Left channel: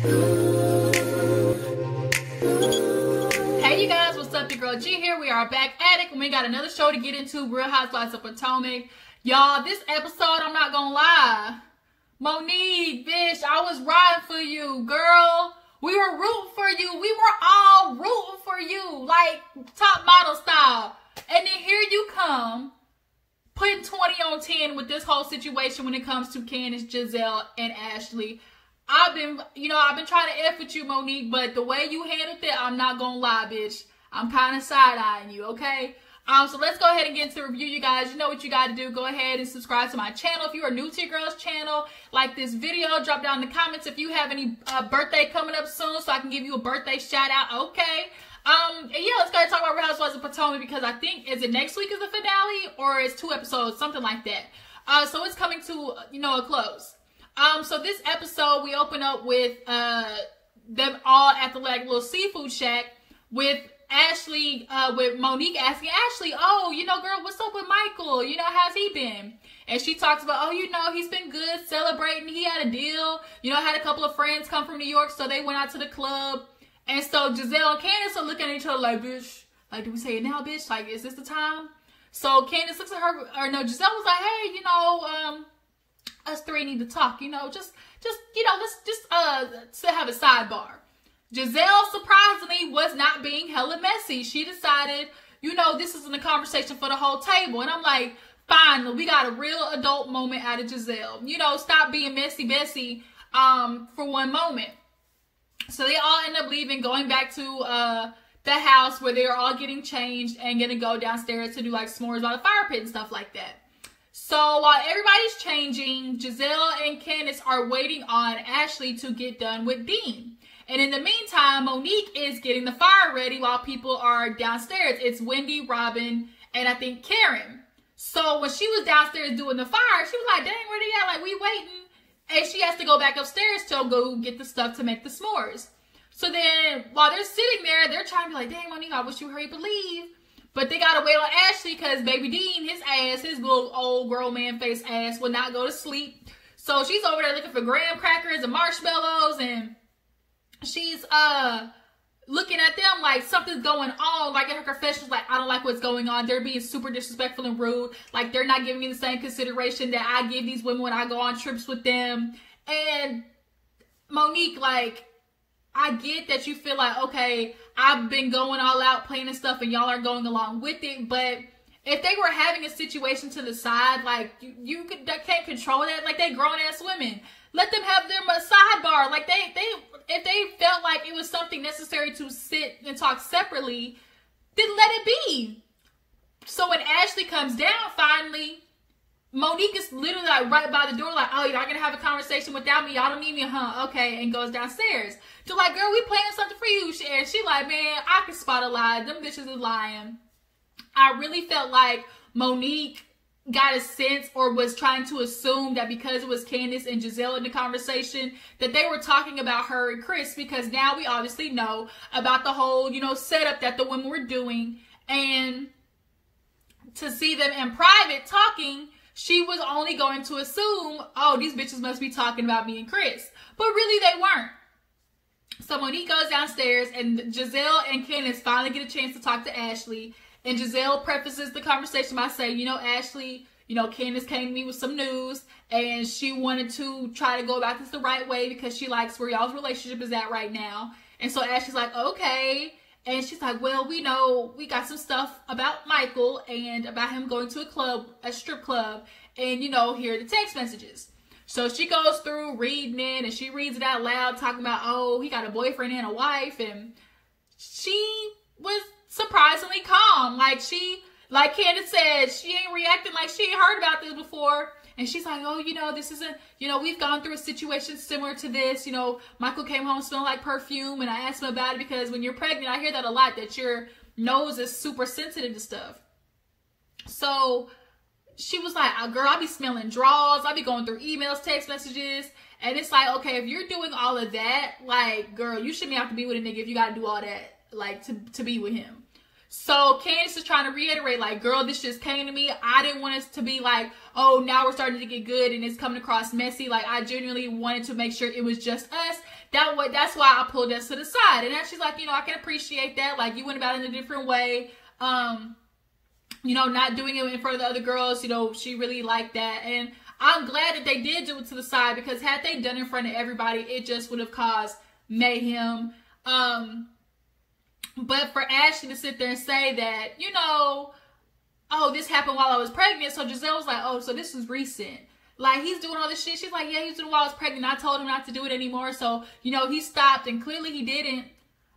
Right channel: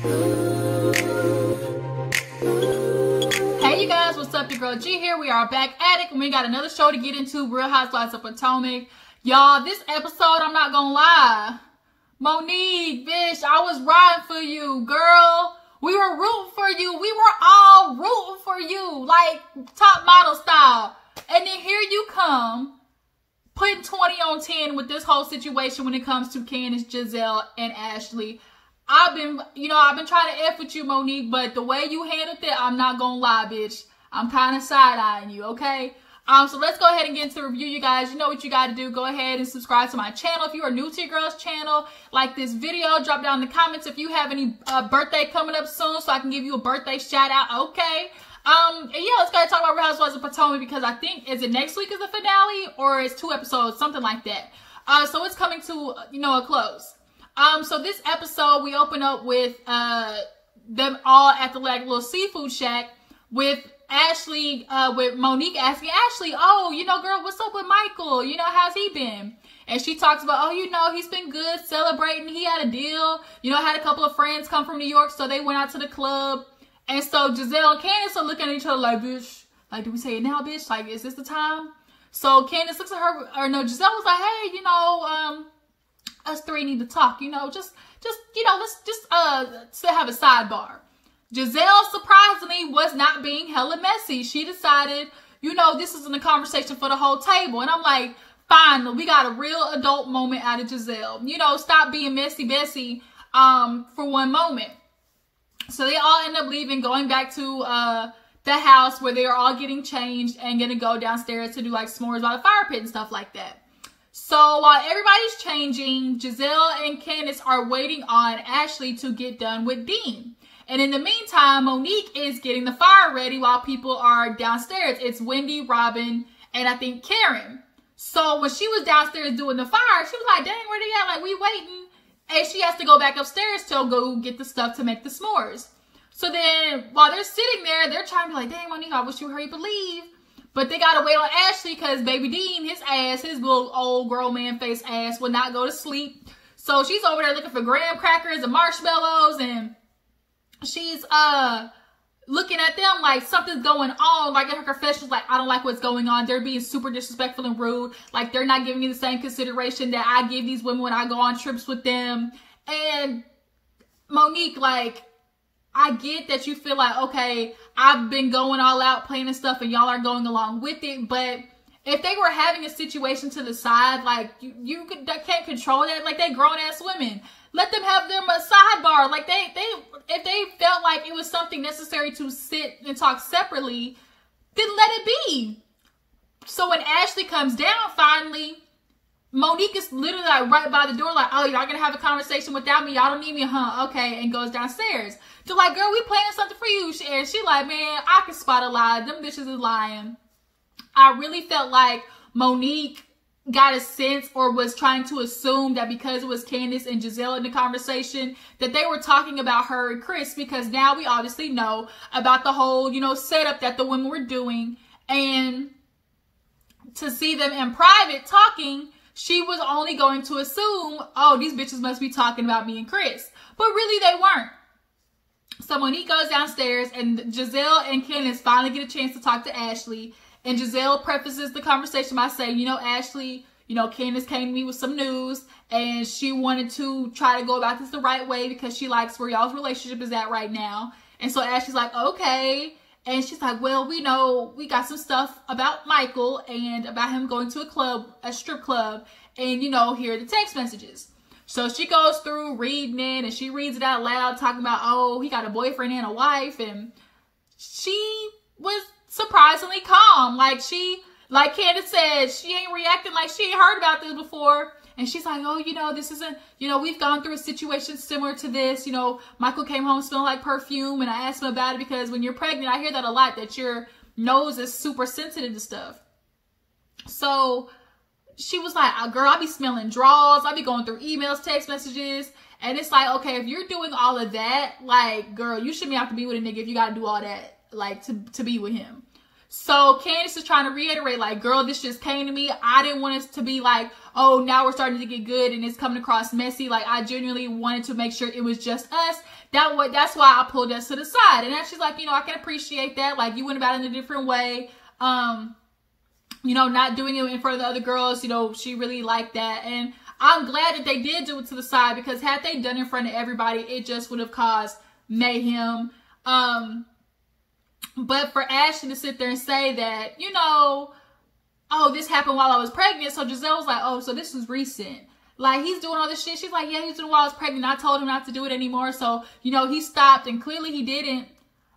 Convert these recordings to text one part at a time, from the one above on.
Hey you guys, what's up? Your girl G here. We are back at it and we got another show to get into, Real Housewives of Potomac. Y'all, this episode, I'm not gonna lie, Monique, bitch, I was riding for you, girl. We were rooting for you. We were all rooting for you, like top model style. And then here you come, putting 20 on 10 with this whole situation when it comes to Candice, Giselle, and Ashley. I've been trying to F with you, Monique, but the way you handled it, I'm not gonna lie, bitch. I'm kind of side-eyeing you, okay? So let's go ahead and get into the review, you guys. You know what you got to do. Go ahead and subscribe to my channel. If you are new to your girl's channel, like this video, drop down in the comments if you have any birthday coming up soon so I can give you a birthday shout-out, okay? And yeah, let's go ahead and talk about Real Housewives of Potomac because I think, is it next week is the finale or it's 2 episodes, something like that. So it's coming to, a close. So this episode, we open up with them all at the little seafood shack with Ashley, with Monique asking Ashley, oh, girl, what's up with Michael? How's he been? And she talks about, oh, he's been good, celebrating. He had a deal. Had a couple of friends come from New York, so they went out to the club. And so Giselle and Candice are looking at each other like, bitch, like, do we say it now, bitch? Like, is this the time? So Candice looks at her, or no, Giselle was like, hey, us three need to talk, let's just have a sidebar. Giselle, surprisingly, was not being hella messy. She decided, this isn't a conversation for the whole table. And I'm like, finally, we got a real adult moment out of Giselle. Stop being messy for one moment. So they all end up leaving, going back to the house where they are all getting changed and gonna go downstairs to do like s'mores by the fire pit and stuff like that. So while everybody's changing, Giselle and Candice are waiting on Ashley to get done with Dean. And in the meantime, Monique is getting the fire ready while people are downstairs. It's Wendy, Robin, and I think Karen. So when she was downstairs doing the fire, she was like, dang, where they at? Like, we waiting. And she has to go back upstairs to go get the stuff to make the s'mores. So then while they're sitting there, they're trying to be like, dang, Monique, I wish you hurry up and leave. But they got to wait on Ashley because baby Dean, his ass, his little old girl man face ass will not go to sleep. So she's over there looking for graham crackers and marshmallows, and she's looking at them like something's going on. Like in her confessions, like, I don't like what's going on. They're being super disrespectful and rude. Like, they're not giving me the same consideration that I give these women when I go on trips with them. And Monique, like, I get that you feel like, okay, I've been going all out playing and stuff and y'all are going along with it. But if they were having a situation to the side, like, you can't control that. Like, they grown-ass women. Let them have their sidebar. Like, if they felt like it was something necessary to sit and talk separately, then let it be. So when Ashley comes down, finally, Monique is literally like right by the door, like, oh, y'all gonna have a conversation without me? Y'all don't need me, huh? Okay, and goes downstairs. They're like, girl, we planning something for you. And she like, man, I can spot a lie. Them bitches is lying. I really felt like Monique got a sense or was trying to assume that because it was Candice and Giselle in the conversation that they were talking about her and Chris, because now we obviously know about the whole, setup that the women were doing. And to see them in private talking, she was only going to assume, oh, these bitches must be talking about me and Chris. But really they weren't. So Monique goes downstairs and Giselle and Candice finally get a chance to talk to Ashley. And Giselle prefaces the conversation by saying, Ashley, Candice came to me with some news and she wanted to try to go about this the right way because she likes where y'all's relationship is at right now. And so Ashley's like, okay. And she's like, well, we know we got some stuff about Michael and about him going to a strip club. And, here are the text messages. So she goes through reading it and she reads it out loud, talking about, oh, he got a boyfriend and a wife. And she was surprisingly calm. Like Candice said, she ain't reacting like she ain't heard about this before. And she's like, oh, this isn't, we've gone through a situation similar to this. Michael came home smelling like perfume and I asked him about it because when you're pregnant, I hear that a lot, that your nose is super sensitive to stuff. So she was like, girl, I be smelling draws. I be going through emails, text messages. And it's like, okay, if you're doing all of that, like, girl, you shouldn't have to be with a nigga if you got to do all that, like, to be with him. So Candice is trying to reiterate, like, girl, this just came to me. I didn't want us to be like, oh, now we're starting to get good and it's coming across messy. Like, I genuinely wanted to make sure it was just us. that's why I pulled us to the side. And then she's like, you know, I can appreciate that. Like, you went about it in a different way. You know, not doing it in front of the other girls, you know, she really liked that. And I'm glad that they did do it to the side, because had they done it in front of everybody, it just would have caused mayhem. But for Ashley to sit there and say that, you know, oh, this happened while I was pregnant. So Giselle was like, oh, so this was recent. Like, he's doing all this shit. She's like, yeah, he's doing it while I was pregnant. I told him not to do it anymore. So, you know, he stopped, and clearly he didn't.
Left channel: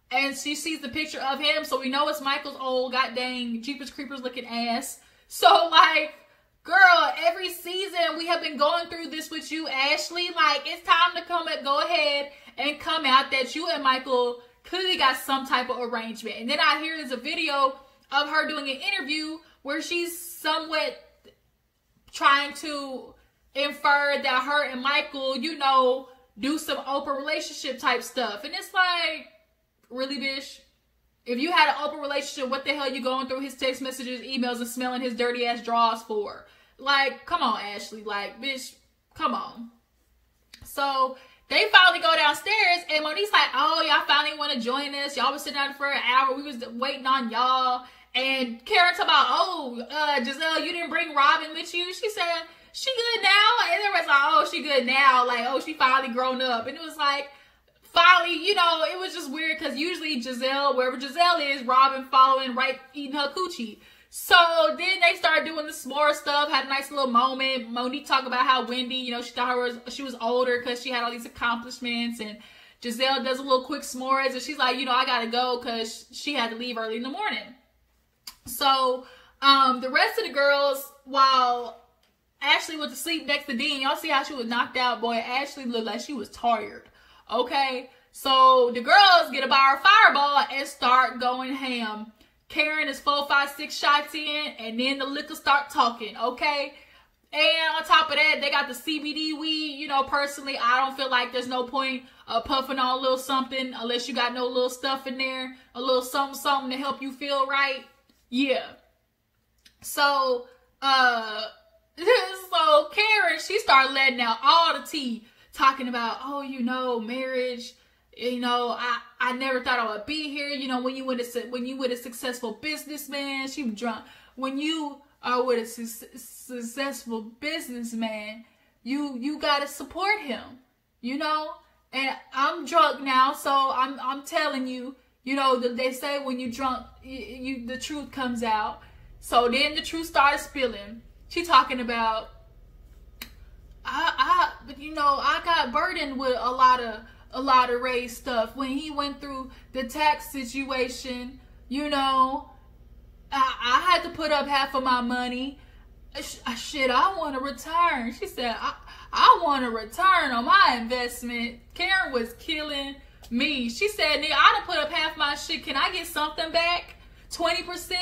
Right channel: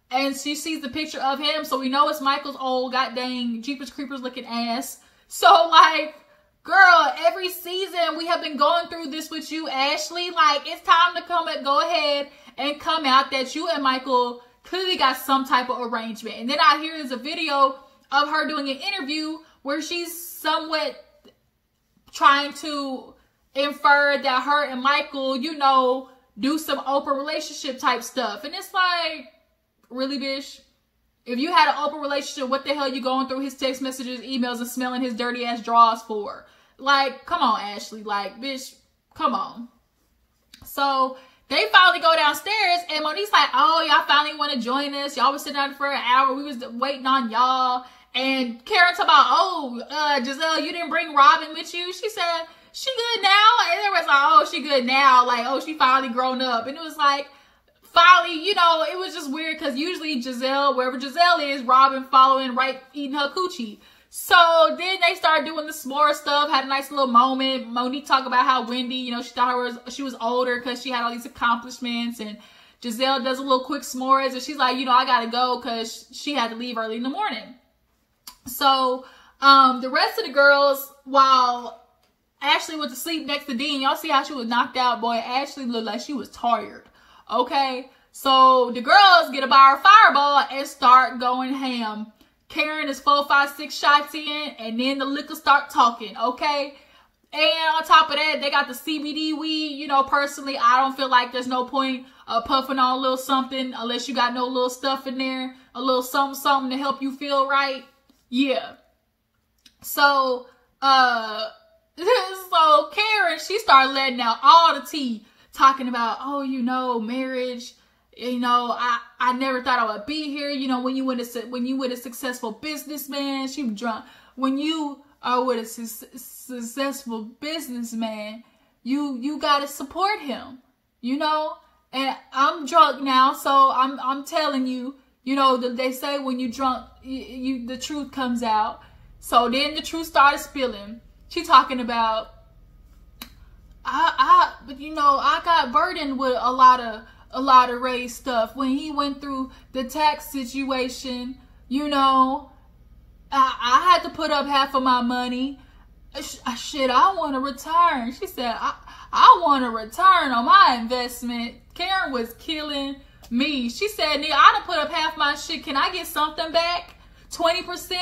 And she sees the picture of him. So we know it's Michael's old, god dang, Jeepers Creepers looking ass. So, like, girl, every season we have been going through this with you, Ashley. Like, it's time to go ahead and come out that you and Michael clearly got some type of arrangement. And then I hear there's a video of her doing an interview where she's somewhat trying to infer that her and Michael, you know, do some open relationship type stuff. And it's like, really, bitch? If you had an open relationship, what the hell you going through his text messages, emails, and smelling his dirty ass drawers for? Like, come on, Ashley. Like, bitch, come on. So they finally go downstairs, and Monique's like, oh, y'all finally want to join us. Y'all was sitting down for an hour. We was waiting on y'all. And Karen talking about, oh, Giselle, you didn't bring Robin with you. She said, she good now? And everyone's like, oh, she good now. Like, oh, she finally grown up. And it was like, finally, you know, it was just weird, because usually Giselle, wherever Giselle is, Robin following right, eating her coochie. So then they started doing the s'more stuff, had a nice little moment. Monique talked about how Wendy, you know, she thought she was older because she had all these accomplishments. And Giselle does a little quick s'mores, and she's like, you know, I got to go because she had to leave early in the morning. So the rest of the girls, while Ashley was asleep next to Dean, y'all see how she was knocked out? Boy, Ashley looked like she was tired. Okay, so the girls get a bar of Fireball and start going ham. Karen is 4, 5, 6 shots in, and then the liquor start talking, okay? And on top of that, they got the CBD weed. You know, personally, I don't feel like there's no point of puffing on a little something unless you got no little stuff in there, a little something to help you feel right. Yeah. So, so Karen, she started letting out all the tea, talking about, oh, you know, marriage. You know, I never thought I would be here. You know, when you with a successful businessman, she was drunk. When you are with a successful businessman, you gotta support him. You know, and I'm drunk now, so I'm telling you. You know, they say when you drunk, the truth comes out. So then the truth started spilling. She talking about, but you know, I got burdened with a lot of Ray's stuff when he went through the tax situation. You know, I had to put up half of my money. Shit, I want to return. She said, I want to return on my investment. Karen was killing me. She said, nigga, I done put up half my shit. Can I get something back? 20%?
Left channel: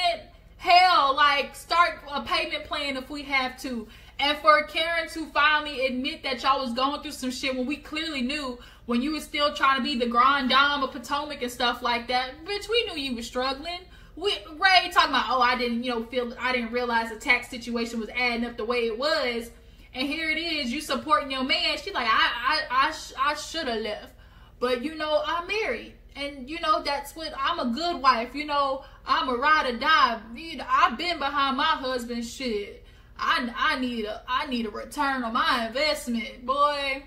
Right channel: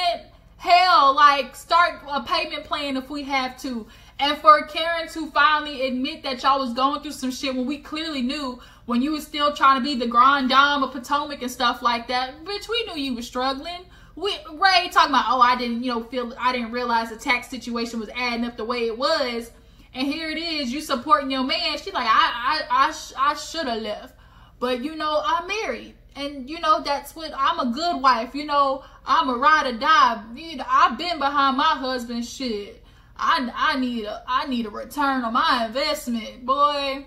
Hell, like, start a payment plan if we have to. And for Karen to finally admit that y'all was going through some shit when we clearly knew when you was still trying to be the grand dame of Potomac and stuff like that. Bitch, we knew you was struggling. Ray talking about, oh, I didn't realize the tax situation was adding up the way it was. And here it is, you supporting your man. She's like, I should have left. But, you know, I'm married. And, you know, that's what, I'm a good wife. You know, I'm a ride or die. You know, I've been behind my husband's shit. I need a return on my investment, boy.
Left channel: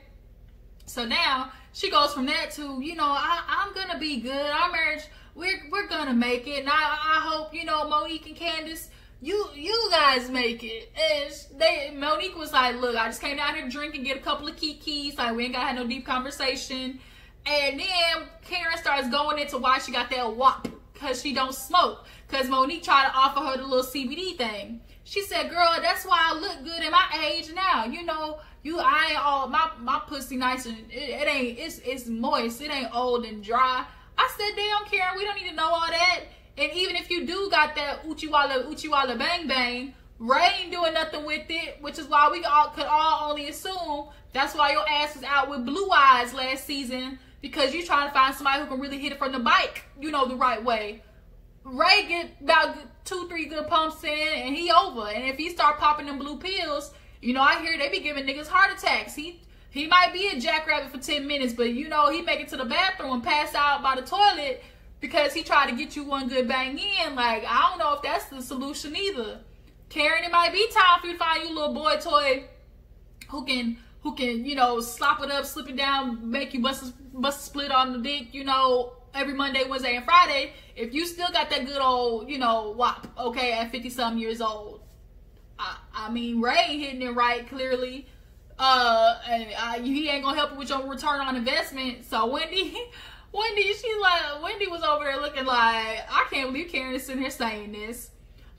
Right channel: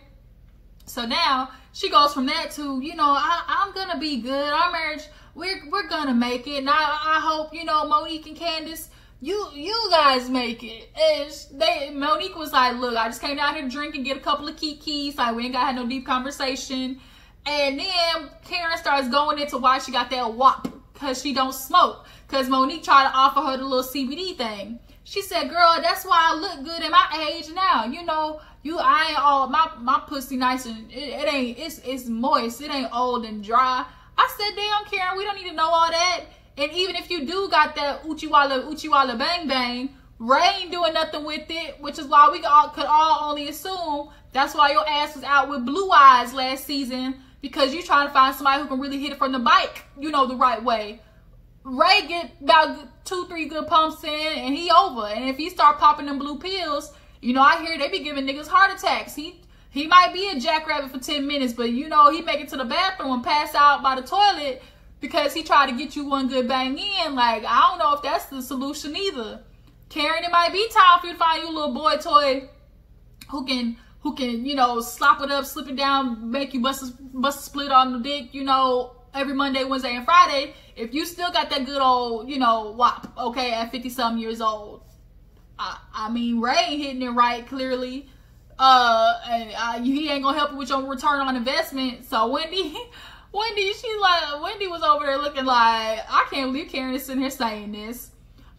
So now she goes from that to, you know, I'm gonna be good. Our marriage, we're gonna make it. And I hope, you know, Monique and Candice, you guys make it. And Monique was like, look, I just came down here to drink and get a couple of keys. Like, we ain't gotta have no deep conversation. And then Karen starts going into why she got that WAP, because she don't smoke. Because Monique tried to offer her the little CBD thing. She said, girl, that's why I look good at my age now. You know, I ain't all, my pussy nice and it's moist. It ain't old and dry. I said, damn, Karen, we don't need to know all that. And even if you do got that Uchiwala bang bang, Ray ain't doing nothing with it, which is why we could all only assume that's why your ass was out with Blue Eyes last season, because you trying to find somebody who can really hit it from the bike, you know, the right way. Ray get about 2-3 good pumps in and he over. And if he start popping them blue pills, you know, I hear they be giving niggas heart attacks. He He might be a jackrabbit for 10 minutes, but you know, he make it to the bathroom and pass out by the toilet because he tried to get you one good bang in. Like, I don't know if that's the solution either. Karen, it might be time for you to find you a little boy toy who can, you know, slop it up, slip it down, make you bust a split on the dick, you know, every Monday, Wednesday, and Friday. If you still got that good old, you know, wop, okay, at 50-something years old. I mean, Ray ain't hitting it right, clearly. And he ain't gonna help you with your return on investment. So Wendy was over there looking like, I can't believe Karen is sitting here saying this.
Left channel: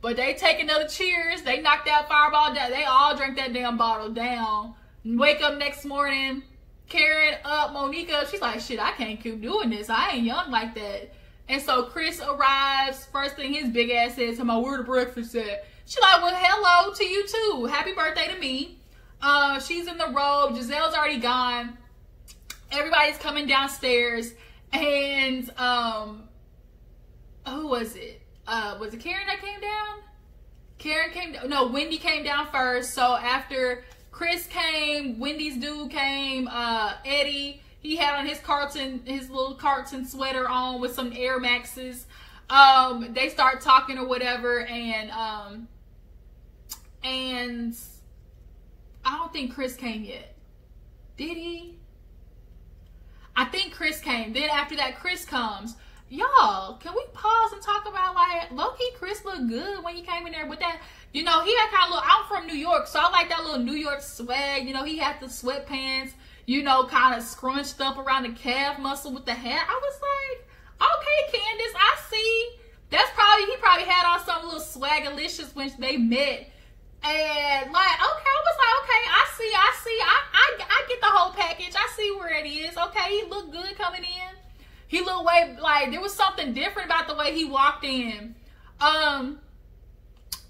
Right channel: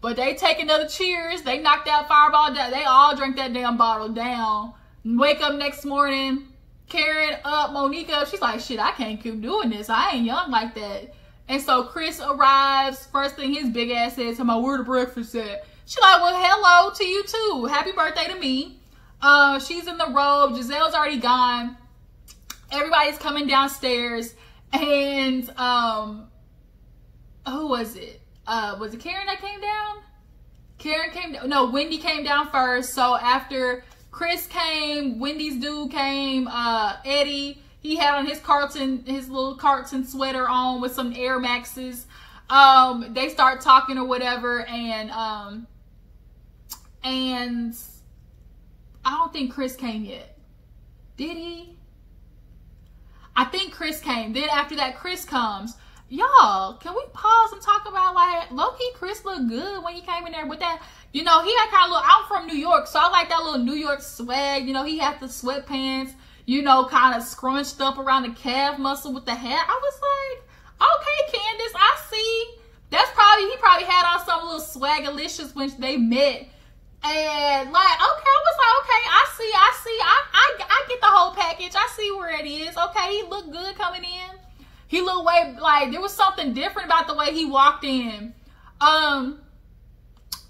But they take another cheers. They knocked that fireball down. They all drank that damn bottle down. Wake up next morning, Karen up, Monique up. She's like, shit, I can't keep doing this. I ain't young like that. And so Chris arrives. First thing his big ass says, where the breakfast at? She's like, well, hello to you too. Happy birthday to me. She's in the robe. Giselle's already gone. Everybody's coming downstairs. And who was it? Was it Karen that came down? Karen came down. No, Wendy came down first. So after Chris came, Wendy's dude came, Eddie, he had on his little Carlton sweater on with some Air Maxes. They start talking or whatever, and I don't think Chris came yet. Did he? I think Chris came. Then after that, Chris comes. Y'all, can we pause and talk about, like, low-key Chris looked good when he came in there with that. You know, he had kind of little, I'm from New York, so I like that little New York swag. You know, he had the sweatpants, you know, kind of scrunched up around the calf muscle with the hat. I was like, okay, Candice, I see. He probably had on some little swagalicious when they met. And like, okay, I was like, okay, I see. I get the whole package. I see where it is. Okay, he looked good coming in. He looked like there was something different about the way he walked in.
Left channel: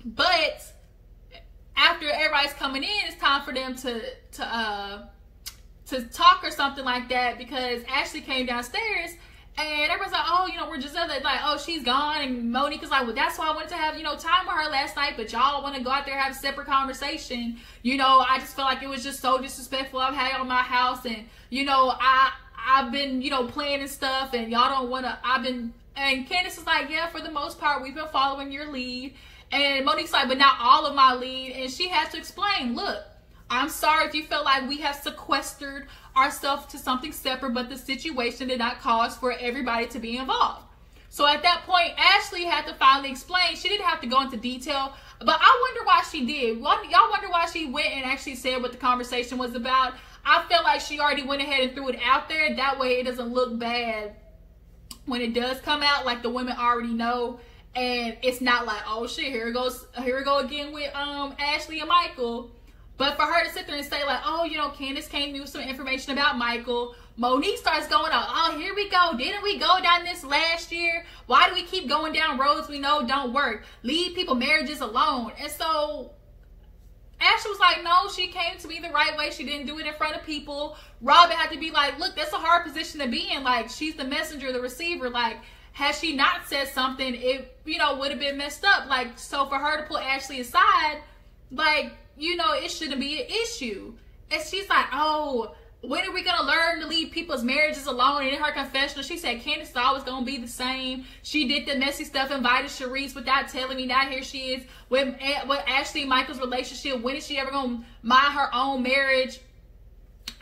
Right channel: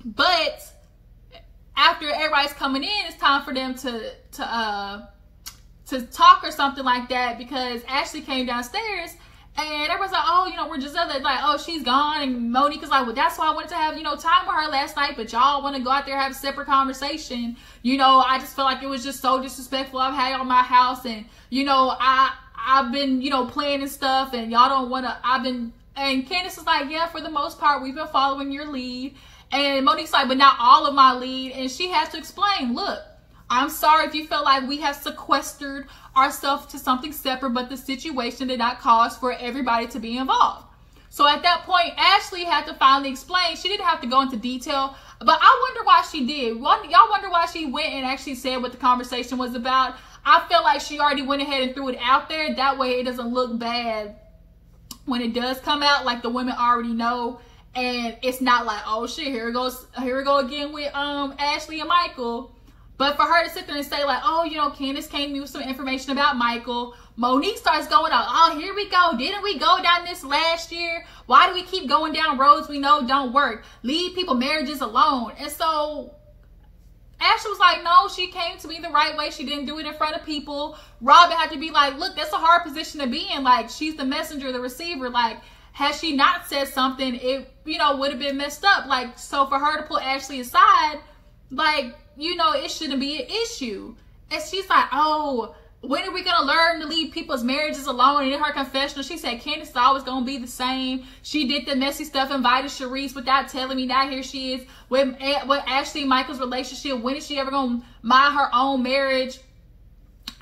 But after everybody's coming in, it's time for them to talk or something like that, because Ashley came downstairs. And everyone's like, oh, you know, we're just like, oh, she's gone. And Monique is like, well, that's why I wanted to have, you know, time with her last night. But y'all want to go out there and have a separate conversation. You know, I just felt like it was just so disrespectful. I've had y'all in my house. And, you know, I've been, you know, playing and stuff. And y'all don't want to, and Candice is like, yeah, for the most part, we've been following your lead. And Monique's like, but not all of my lead. And she has to explain, look, I'm sorry if you felt like we have sequestered ourselves to something separate, but the situation did not cause for everybody to be involved. So at that point, Ashley had to finally explain. She didn't have to go into detail, but I wonder why she did. Y'all wonder why she went and actually said what the conversation was about. I feel like she already went ahead and threw it out there. That way it doesn't look bad when it does come out, like the women already know. And it's not like, oh shit, here we go again with Ashley and Michael. But for her to sit there and say like, oh, you know, Candice came to me with some information about Michael. Monique starts going out, oh, here we go. Didn't we go down this last year? Why do we keep going down roads we know don't work? Leave people marriages alone. And so Ashley was like, no, she came to me the right way. She didn't do it in front of people. Robin had to be like, look, that's a hard position to be in. Like, she's the messenger, the receiver. Like, had she not said something, it, you know, would have been messed up. Like, so for her to pull Ashley aside, like, you know, it shouldn't be an issue. And she's like, oh, when are we going to learn to leave people's marriages alone? And in her confessional, she said Candice is always going to be the same. She did the messy stuff, invited Sharice without telling me. Now here she is with Ashley and Michael's relationship. When is she ever going to mind her own marriage?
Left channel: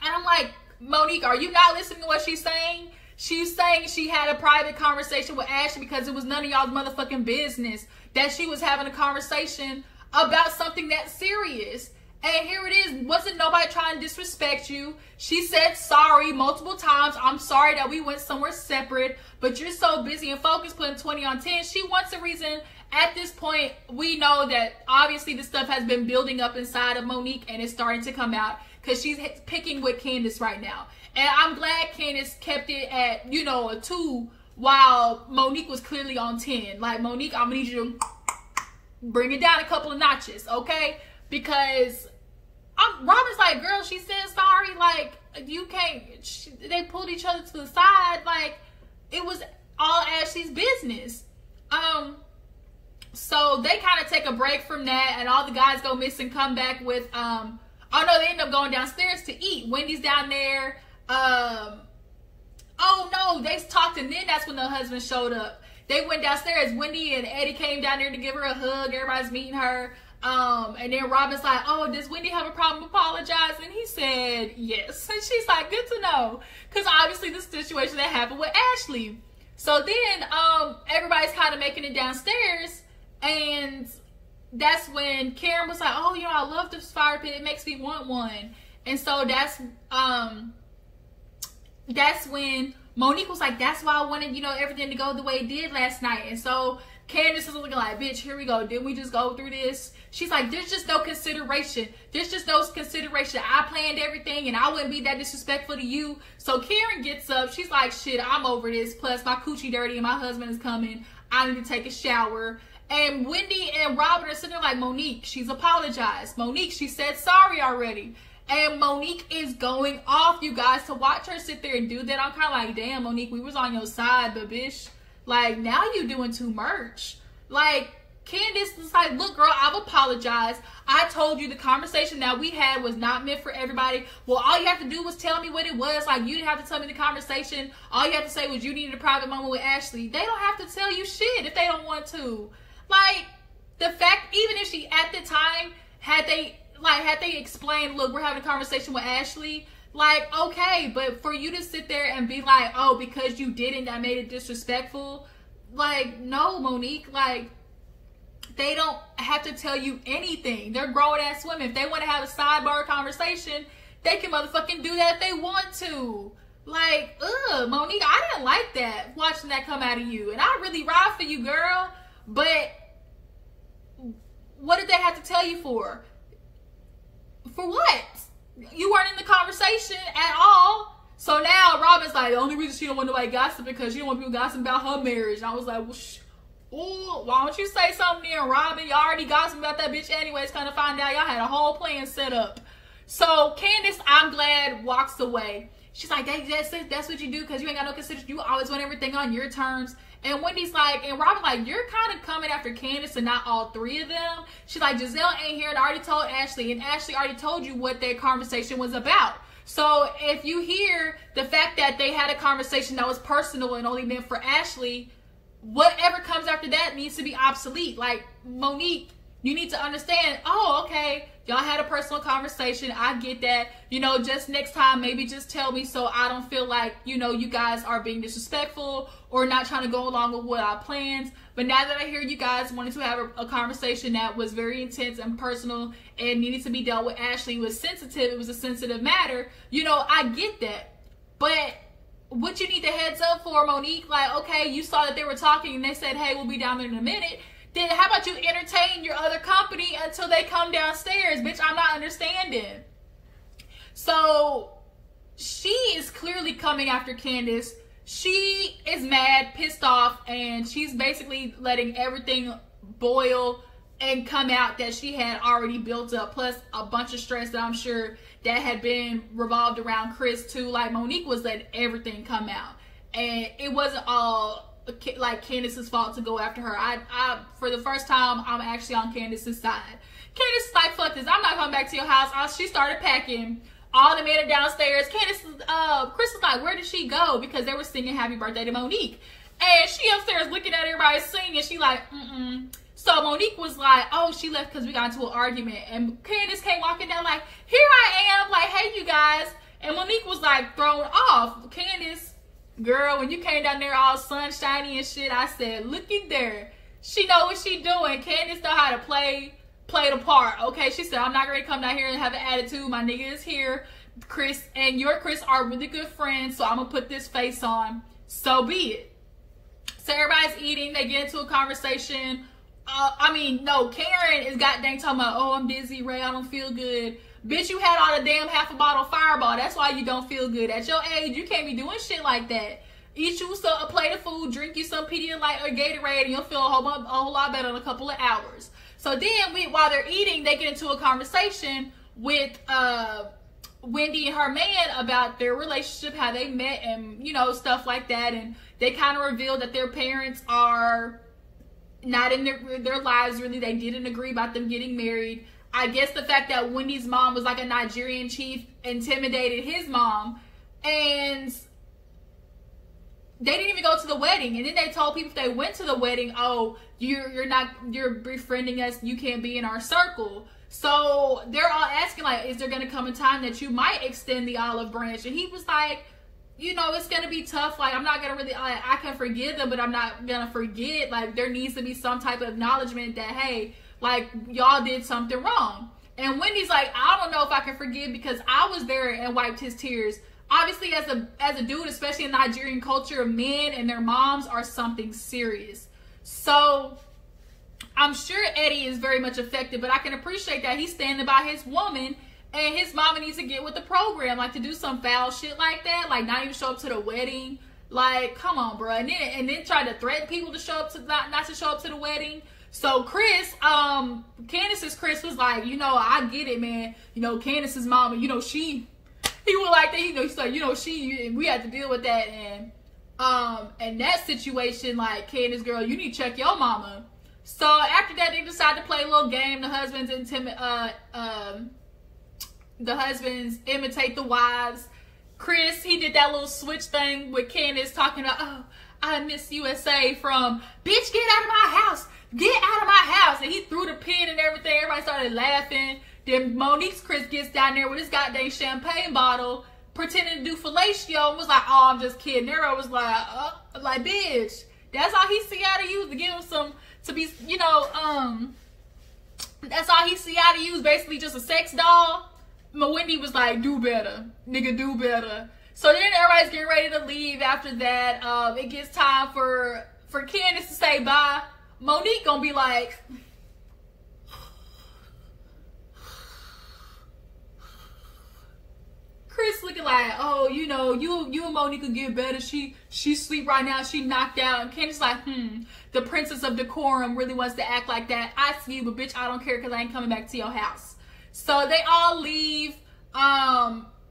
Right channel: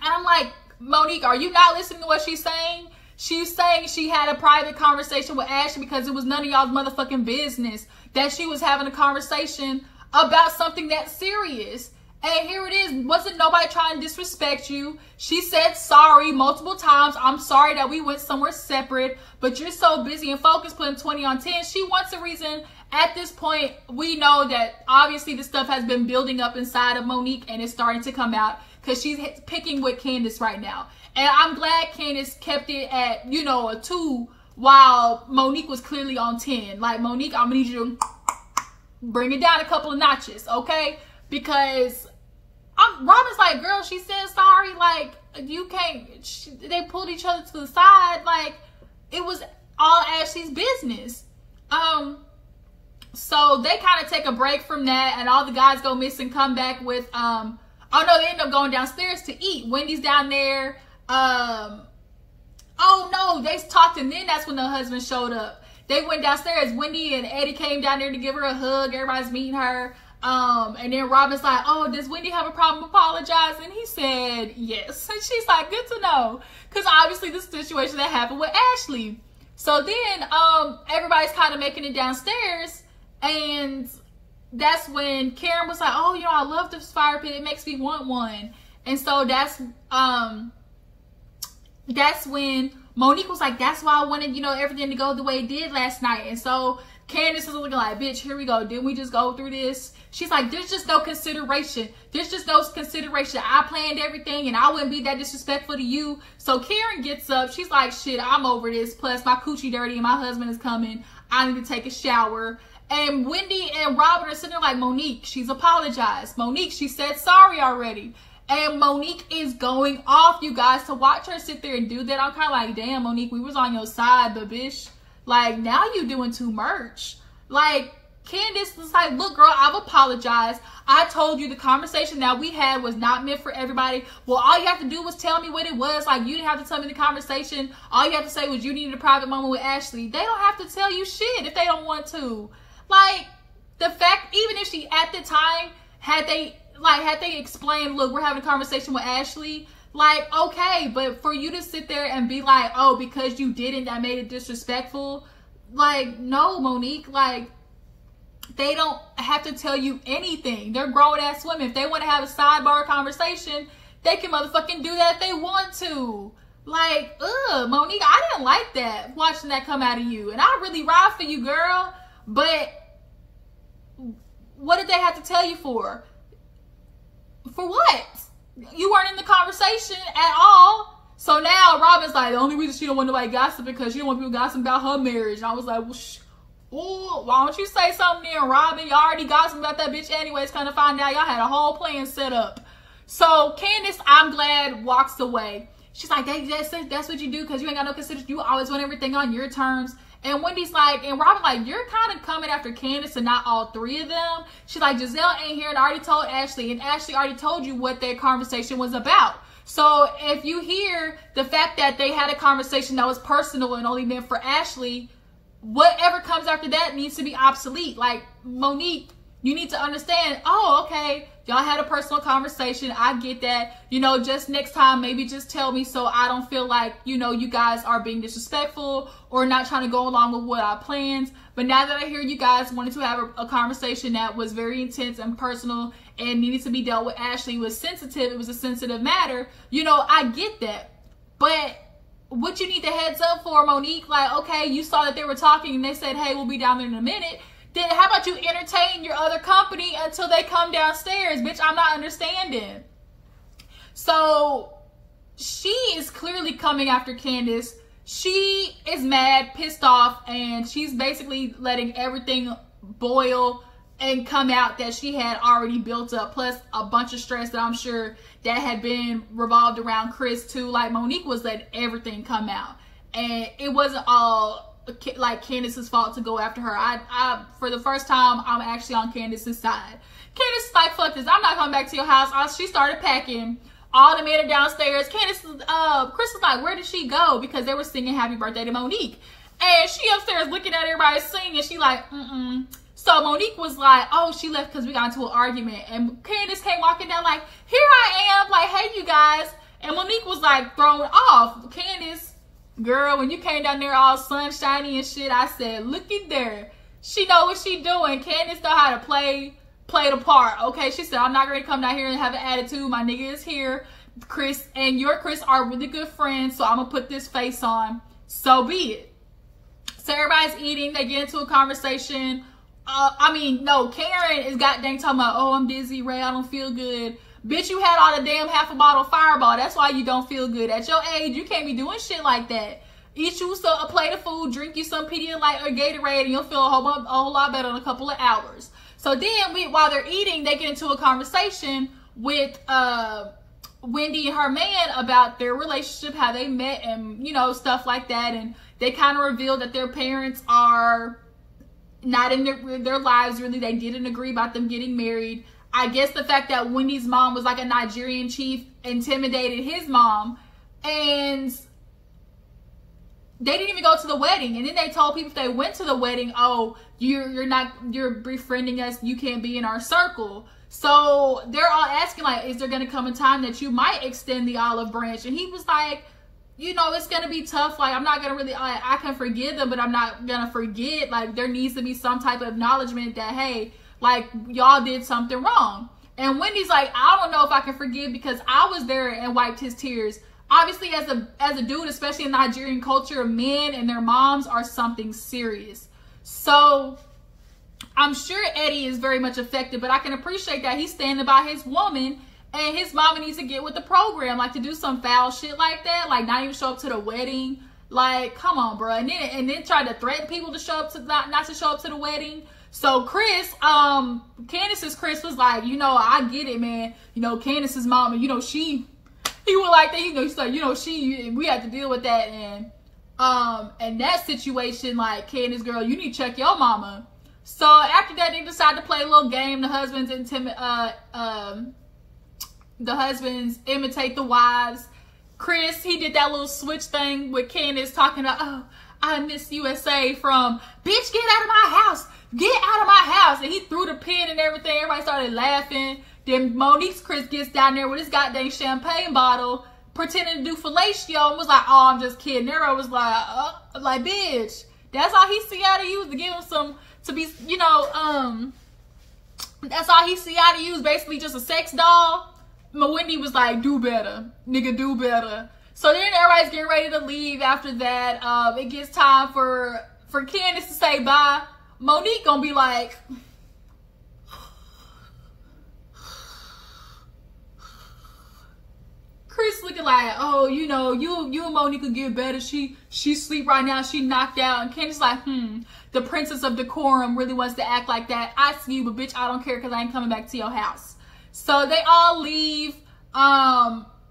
And I'm like, Monique, are you not listening to what she's saying? She's saying she had a private conversation with Ashley because it was none of y'all's motherfucking business that she was having a conversation about something that serious. And here it is. Wasn't nobody trying to disrespect you. She said sorry multiple times. I'm sorry that we went somewhere separate, but you're so busy and focused putting 20 on 10. She wants a reason. At this point, we know that obviously the stuff has been building up inside of Monique and it's starting to come out because she's picking with Candice right now. And I'm glad Candice kept it at, you know, a 2 while Monique was clearly on 10. Like, Monique, I'm going to need you to bring it down a couple of notches, okay? Because Robin's like, girl, she said sorry. Like, you can't. They pulled each other to the side. Like, it was all Ashley's business. So they kind of take a break from that, and all the guys go missing, come back with Oh no, they end up going downstairs to eat. Wendy's down there. Oh no, they talked, and then that's when the husband showed up. They went downstairs. Wendy and Eddie came down there to give her a hug. Everybody's meeting her. And then Robin's like, oh, does Wendy have a problem apologizing? And he said yes. And she's like, good to know. Because obviously this situation that happened with Ashley. So then everybody's kind of making it downstairs. And that's when Karen was like, oh, you know, I love this fire pit. It makes me want one. And so that's when Monique was like, that's why I wanted, you know, everything to go the way it did last night. And so Candice is looking like, bitch, here we go. Didn't we just go through this? She's like, there's just no consideration. There's just no consideration. I planned everything and I wouldn't be that disrespectful to you. So Karen gets up. She's like, shit, I'm over this. Plus my coochie dirty and my husband is coming. I need to take a shower. And Wendy and Robin are sitting there like, Monique, she's apologized. Monique, she said sorry already. And Monique is going off, you guys. To watch her sit there and do that, I'm kind of like, damn, Monique, we was on your side, but bitch, like, now you doing too much. Like, Candice was like, look, girl, I've apologized. I told you the conversation that we had was not meant for everybody. Well, all you have to do was tell me what it was. Like, you didn't have to tell me the conversation. All you have to say was you needed a private moment with Ashley. They don't have to tell you shit if they don't want to. Like, the fact, even if she, at the time, had they explained, look, we're having a conversation with Ashley, like, okay, but for you to sit there and be like, oh, because you didn't, that made it disrespectful. Like, no, Monique, like, they don't have to tell you anything. They're grown-ass women. If they want to have a sidebar conversation, they can motherfucking do that if they want to. Like, Monique, I didn't like that, watching that come out of you. And I really ride for you, girl. But what did they have to tell you for? For what? You weren't in the conversation at all. So now Robin's like, the only reason she don't want nobody gossip because she don't want people gossiping about her marriage. And I was like, well, why don't you say something there, Robin? You already gossiping about that bitch anyways. Kind of find out y'all had a whole plan set up. So Candice, I'm glad, walks away. She's like, that's what you do because you ain't got no consideration. You always want everything on your terms. And Wendy's like, and Robin like, you're kind of coming after Candice and not all three of them. She's like, Giselle ain't here and I already told Ashley. And Ashley already told you what their conversation was about. So if you hear the fact that they had a conversation that was personal and only meant for Ashley, whatever comes after that needs to be obsolete. Like, Monique, you need to understand, oh, okay, y'all had a personal conversation. I get that. You know, just next time, maybe just tell me so I don't feel like, you know, you guys are being disrespectful or not trying to go along with what I planned. But now that I hear you guys wanted to have a conversation that was very intense and personal and needed to be dealt with Ashley, was sensitive, it was a sensitive matter, you know, I get that. But what you need the heads up for, Monique, like, okay, you saw that they were talking and they said, hey, we'll be down there in a minute. Then how about you entertain your other company until they come downstairs? Bitch, I'm not understanding. So she is clearly coming after Candice. She is mad, pissed off, and she's basically letting everything boil and come out that she had already built up, plus a bunch of stress that I'm sure that had been revolved around Chris too. Like, Monique was letting everything come out, and it wasn't all like Candice's fault to go after her. I for the first time, I'm actually on Candice's side. Candice is like, fuck this, I'm not coming back to your house. She started packing. All the men are downstairs. Candice, Chris was like, where did she go? Because they were singing happy birthday to Monique. And she upstairs looking at everybody singing. She like, So Monique was like, oh, she left because we got into an argument. And Candice came walking down like, here I am. Like, hey, you guys. And Monique was like thrown off. Candice, girl, when you came down there all sunshiny and shit, I said, looky there. She know what she doing. Candice know how to play the part, okay? She said, I'm not going to come down here and have an attitude. My nigga is here. Chris and your Chris are really good friends, so I'm going to put this face on. So be it. So everybody's eating. They get into a conversation. Karen is goddamn talking about, oh, I'm dizzy, Ray, I don't feel good. Bitch, you had all the damn half a bottle of Fireball. That's why you don't feel good. At your age, you can't be doing shit like that. Eat you a plate of food, drink you some Pedialyte or Gatorade, and you'll feel a whole lot better in a couple of hours. So then, while they're eating, they get into a conversation with Wendy and her man about their relationship, how they met, and, you know, stuff like that. And they kind of revealed that their parents are not in their lives, really. They didn't agree about them getting married. I guess the fact that Wendy's mom was like a Nigerian chief intimidated his mom, and they didn't even go to the wedding. And then they told people if they went to the wedding, oh, you're befriending us, you can't be in our circle. So they're all asking, like, is there going to come a time that you might extend the olive branch? And he was like, you know, it's going to be tough. Like, I'm not going to really, I can forgive them, but I'm not going to forget. Like, there needs to be some type of acknowledgement that, hey, like, y'all did something wrong. And Wendy's like, I don't know if I can forgive because I was there and wiped his tears. Obviously, as a dude, especially in Nigerian culture, men and their moms are something serious. So I'm sure Eddie is very much affected, but I can appreciate that he's standing by his woman, and his mama needs to get with the program, like to do some foul shit like that, like not even show up to the wedding. Like, come on, bro. And then try to threaten people to show up to not to show up to the wedding. So Chris, Candice's Chris was like, you know, I get it, man. You know, Candice's mama, you know, he was like that, you know, he's like, you know, we had to deal with that, and in that situation, like, Candice, girl, you need to check your mama. So after that, they decided to play a little game. The husbands imitate the wives. Chris, he did that little switch thing with Candice talking about, oh, I miss USA, from, bitch, get out of my house. Get out of my house. And he threw the pin and everything. Everybody started laughing. Then Monique's Chris gets down there with his goddamn champagne bottle, pretending to do fellatio, and was like, oh, I'm just kidding. Everybody was like, bitch, that's all he see out of you, to give him some, to be, you know, that's all he see out of you, is basically just a sex doll. But Wendy was like, do better, nigga, do better. So then everybody's getting ready to leave after that. It gets time for Candice to say bye. Monique gonna be like, Chris looking like, oh, you know, you and Monique could get better. She sleep right now. She knocked out. And Candice like, the princess of decorum really wants to act like that. I see you, but bitch, I don't care because I ain't coming back to your house. So they all leave.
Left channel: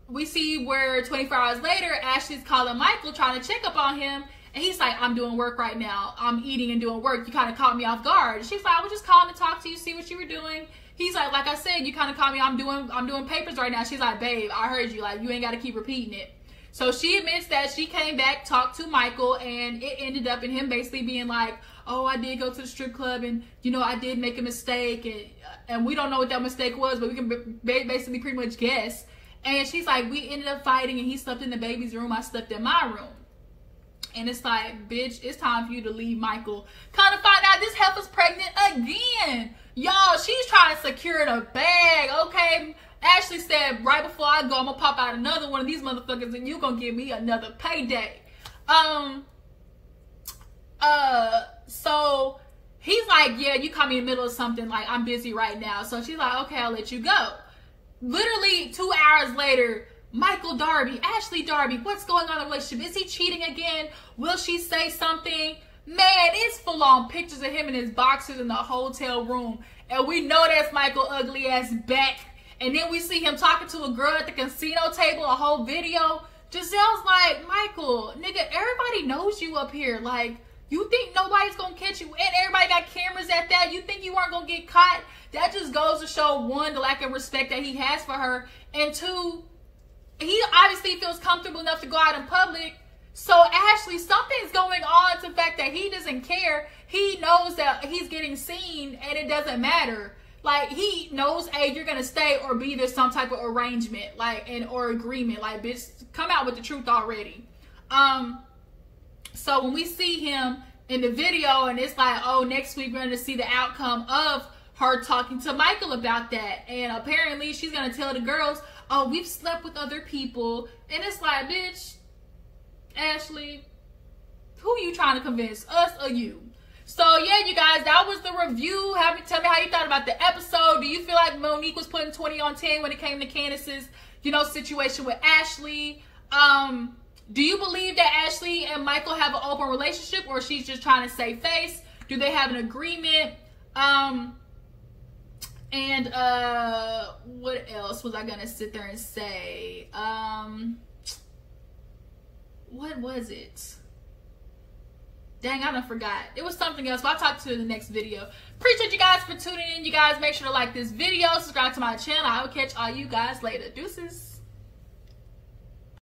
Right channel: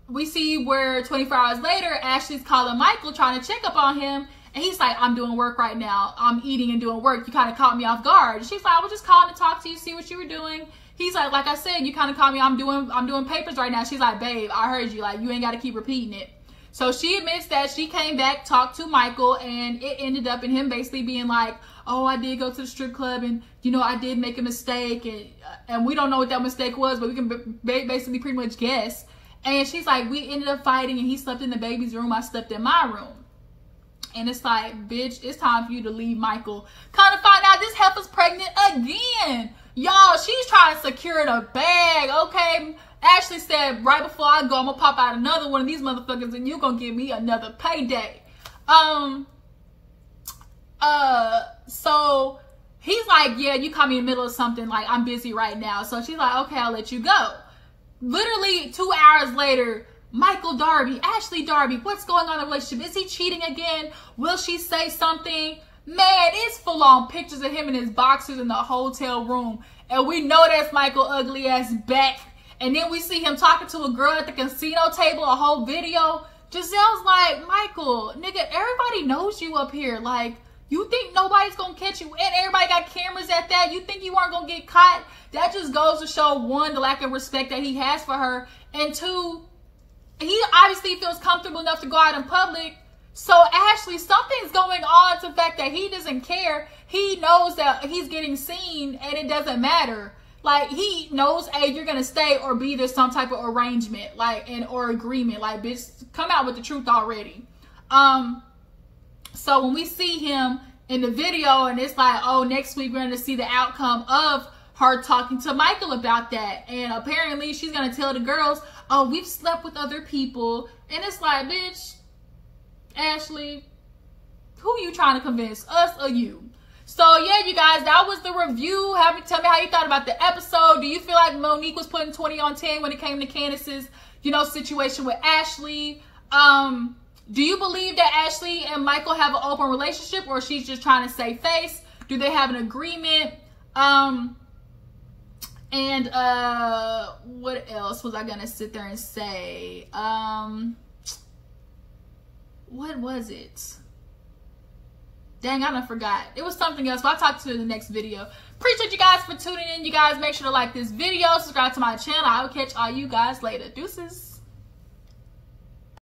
We see where 24 hours later, Ashley's calling Michael, trying to check up on him. And he's like, I'm doing work right now. I'm eating and doing work. You kind of caught me off guard. And she's like, I was just calling to talk to you, see what you were doing. He's like I said, you kind of caught me. I'm doing papers right now. She's like, babe, I heard you. Like, you ain't got to keep repeating it. So she admits that she came back, talked to Michael, and it ended up in him basically being like, oh, I did go to the strip club, and, you know, I did make a mistake, and we don't know what that mistake was, but we can basically pretty much guess. And she's like, we ended up fighting, and he slept in the baby's room. I slept in my room. And it's like, bitch, it's time for you to leave Michael. Kind of find out this heifer's pregnant again. Y'all, she's trying to secure the bag, okay? Ashley said, right before I go, I'm going to pop out another one of these motherfuckers and you're going to give me another payday. So he's like, yeah, you caught me in the middle of something. Like, I'm busy right now. So she's like, okay, I'll let you go. Literally 2 hours later, Michael Darby, Ashley Darby, what's going on in the relationship? Is he cheating again? Will she say something? Man, it's full on pictures of him in his boxers in the hotel room. And we know that's Michael ugly ass back. And then we see him talking to a girl at the casino table, a whole video. Giselle's like, Michael, nigga, everybody knows you up here. Like, you think nobody's gonna catch you? And everybody got cameras at that. You think you weren't gonna get caught? That just goes to show, one, the lack of respect that he has for her. And two, he obviously feels comfortable enough to go out in public. So Ashley, something's going on to the fact that he doesn't care. He knows that he's getting seen and it doesn't matter. Like, he knows, hey, you're gonna stay or be there some type of arrangement, like, or agreement. Like, bitch, come out with the truth already. So when we see him in the video and it's like, oh, next week we're gonna see the outcome of her talking to Michael about that. And apparently she's gonna tell the girls, oh, we've slept with other people. And it's like, bitch, Ashley, who you trying to convince, us or you? So yeah, you guys, that was the review. Tell me how you thought about the episode. Do you feel like Monique was putting 20 on 10 when it came to Candice's, you know, situation with Ashley? Do you believe that Ashley and Michael have an open relationship, or she's just trying to save face? Do they have an agreement? And what else was I gonna sit there and say? What was it? Dang, I done forgot. It was something else, but I'll talk to you in the next video. Appreciate you guys for tuning in. You guys make sure to like this video, subscribe to my channel. I will catch all you guys later. Deuces.